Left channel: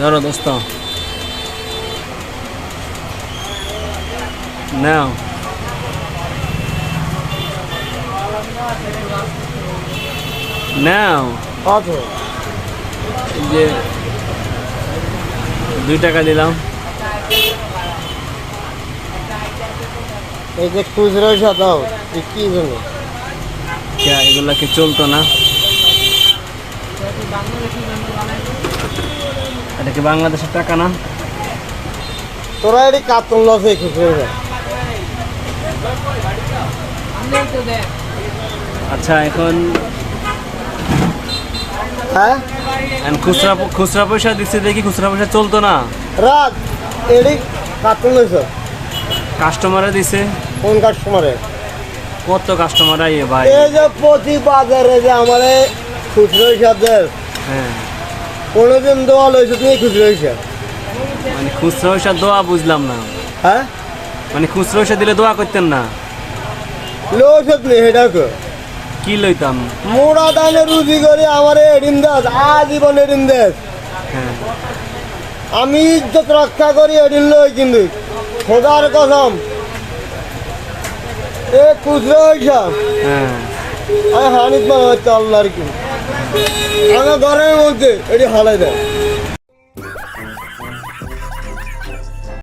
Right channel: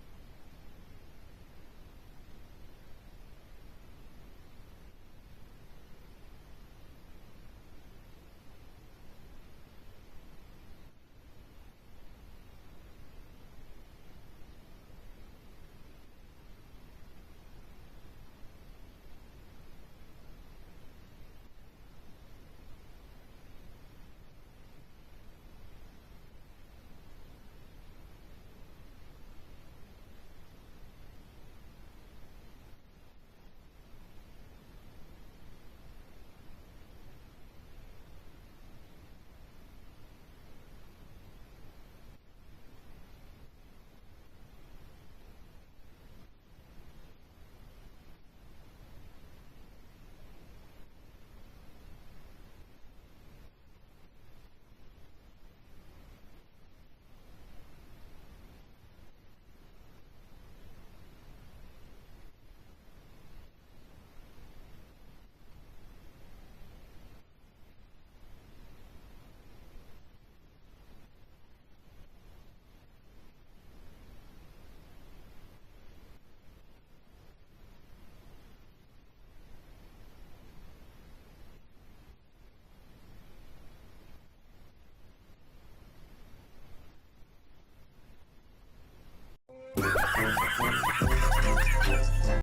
ধরো দোস্ত, নাও। নাও, কত? এই যে 2 টাকা দিলাম। এই যে খুচরো দাও, কি জন্য? এগুলা কি চলতো না? এটা কি বাংলাদেশের টাকা না? তোরা এটি কাতল লস এই খুচরো। আচ্ছা, এখন হ্যাঁ, খুচরা খুচরা পয়সা দিচ্ছে দেখি, খুচরা পয়সা চলতো না। রাত এটি কাতল লইছ? কাস্টমারে দিছে। কোন কাস্টমারে? কত কাস্টমার আইয়ে ভাই। এই যে প্রতি বাজারে যে আমার খুচরো হিসাব দেয়, হ্যাঁ, কোনোদিন দোয়া লইছ তুমি খুচরো হিসাব? মানে খুচরা পয়সা দোয়া বুঝলাম না। হ্যাঁ, মানে খুচরা পয়সা দিলে দোয়া করতেন না? লইছ নেই সেটা কি লইতাম? মোড়া দানে রুজি করে আমার এডিন দাস আজীবন এডিন দাস। হ্যাঁ, আমি ইজ্জত রক্ষা করি এডিন লই, কিন্তু খোদার কসম এ খুচরো হিসাব হ্যাঁ। আমি হানিফ মনে হচ্ছে আল্লাহর কি আমার ঘরের মধ্যে এটি হালাই দেয়।